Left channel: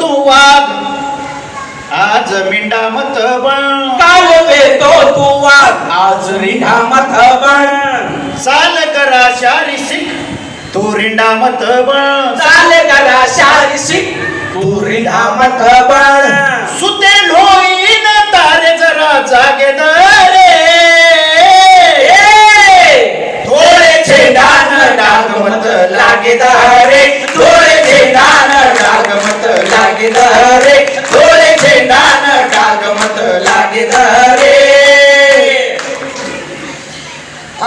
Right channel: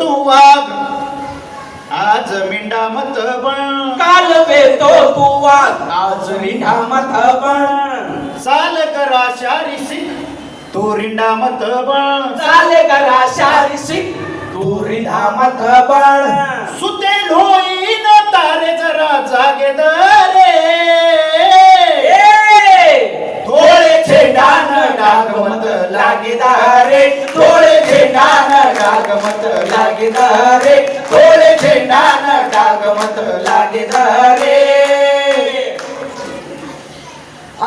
तू वाघ आज मिंडा मत बन काल वेतो तू वाघ आज रिंडा मत बन चाल करा शारी शिक तू रिंडा मत बन चाल करा शारी शिक तू रिंडा मत बन सुते लोईन तारे जरा जागे दरे थोडे छेडान डाग मत लागे दारे थोडे छेडान डाग मत लागे दारे थोडे छेडान डाग मत लागे दारे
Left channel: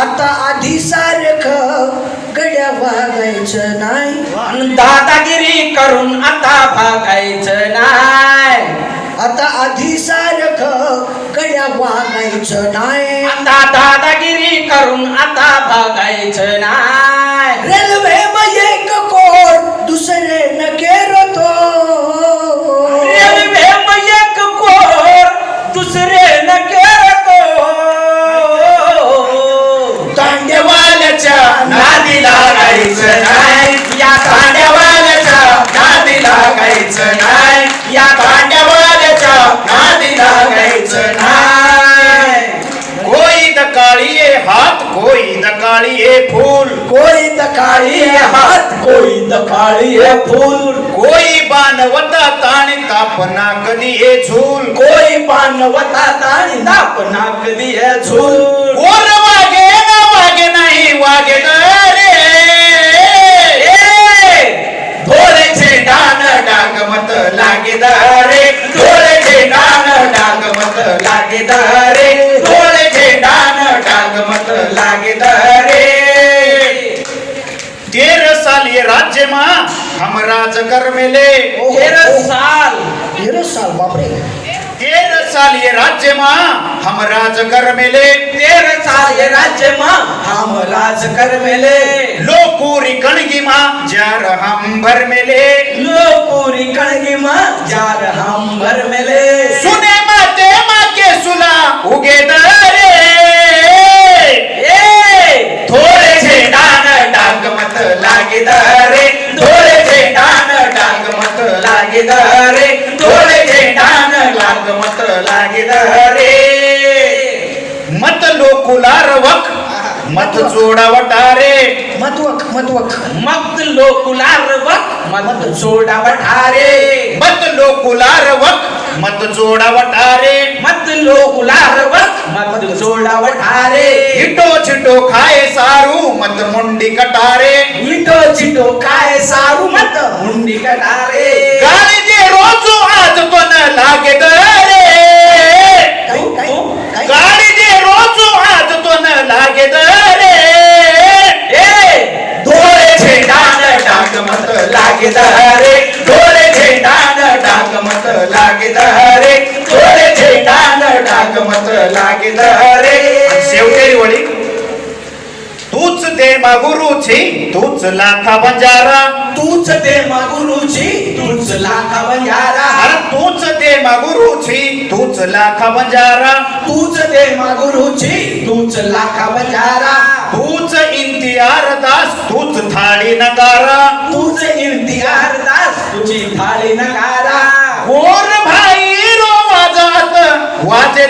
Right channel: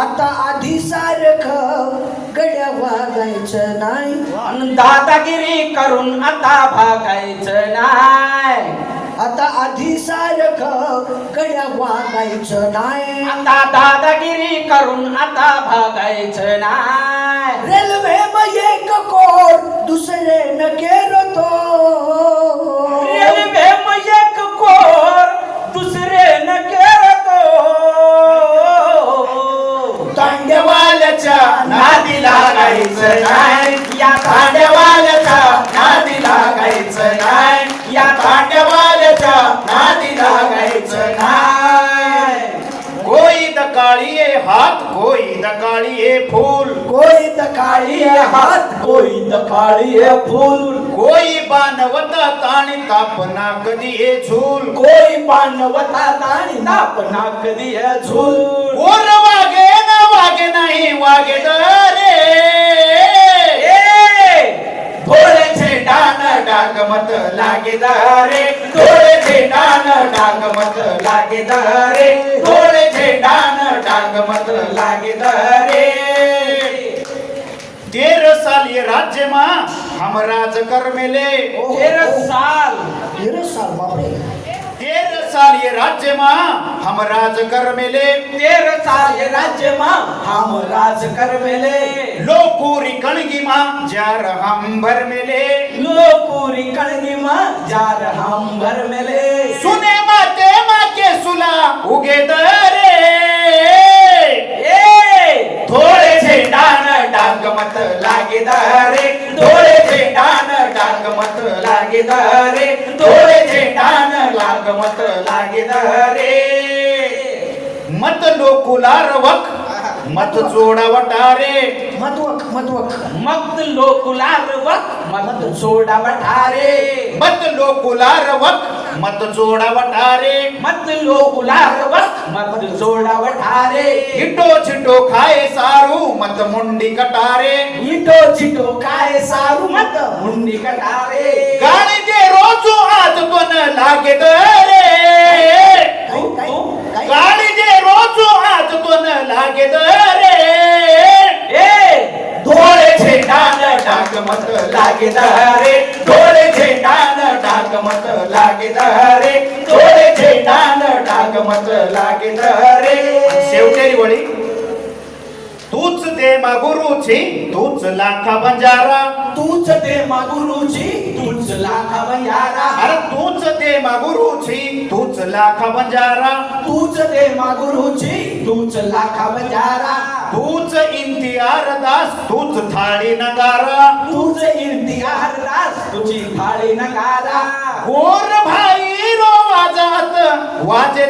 आता आधी सारखं गड्या वागायचं नाही दादागिरी करून आता भागायचं नाही आता आधी सारखं गड्या वागायचं नाही आता दादागिरी करून आता भागायचं नाही रेल्वे मध्ये एक कोर दुसरे न केरतो रेल्वे एक कोर दुसरे न करतो तांडेवाल्याच्या नादी लागायचं नाही या तांड्यावाल्याच्या नादी लागायचं नाही या तांड्यावाल्याच्या नादी लागायचं नाही कोई दकाळिये हात कोई दकाळिये फूल कोई दकाळी हात कोई दखाळी फूल कोई बाणवता ताणी कापना कधी ये झूल कोई पानवता ताणी दापना कधी है झूल कोर वागे ना वागे नाही वागे दरे थोडे छेडान डागमत लागे दारे थोडे छेडान डागमत लागे दारे थोडे छेडान डागमत लागे दारे 13 साल ये राज्य मा हम राज कर मिले 13 साल 13 बापरे 13 साल ये राज्य मा हम राज कर मिले 13 साल ये राज्य मां हम राज कर मिले लोकूरी कणगी मा जार हम भर मिले लो पूरी कणगी मां जार हम भर मिले सुने माते माँ के सुला उगे दरे थोडे छेडान डागमत लागे दारे थोडे छेडान डागमत लागे दारे थोडे छेडान डागमत लागे दारे मत लोकुलार वक मत जोडा वटारे मतवक मत लोकुलार वक मत सोडा वठारे मत लोकुलार वक मत जोडा वटारे मत लोकुलार वक मत सोडा वठारे इटो छिटो खाए सारू मत मुंडी कटारे इटो चिटो काय सारू मत हुंडी कटारे गाडी दे रोजो आज तो न लागे दरे गाडी दे रोजो आज तो न लागे दरे थोडे छेडान डागमत लागे दारे थोडे छेडान डागमत लागे दारे थोडे छेडान डागमत लागे दारे शेवटेरी वळी तूच दे मा गुरुची तूच लाखा बंजारा तूच दे मा गुरुची तूच लाखा बंजारा अरे तूच दे मा गुरुची तूच लाखा बंजारा तूच दे मा गुरुची तूच लाखा बंजारा तूच इंतियार दास तूच थाळी नगारा तूच इम्तियार दास तुझी थाळी नगारा गोर भाई रो वाजात वाजे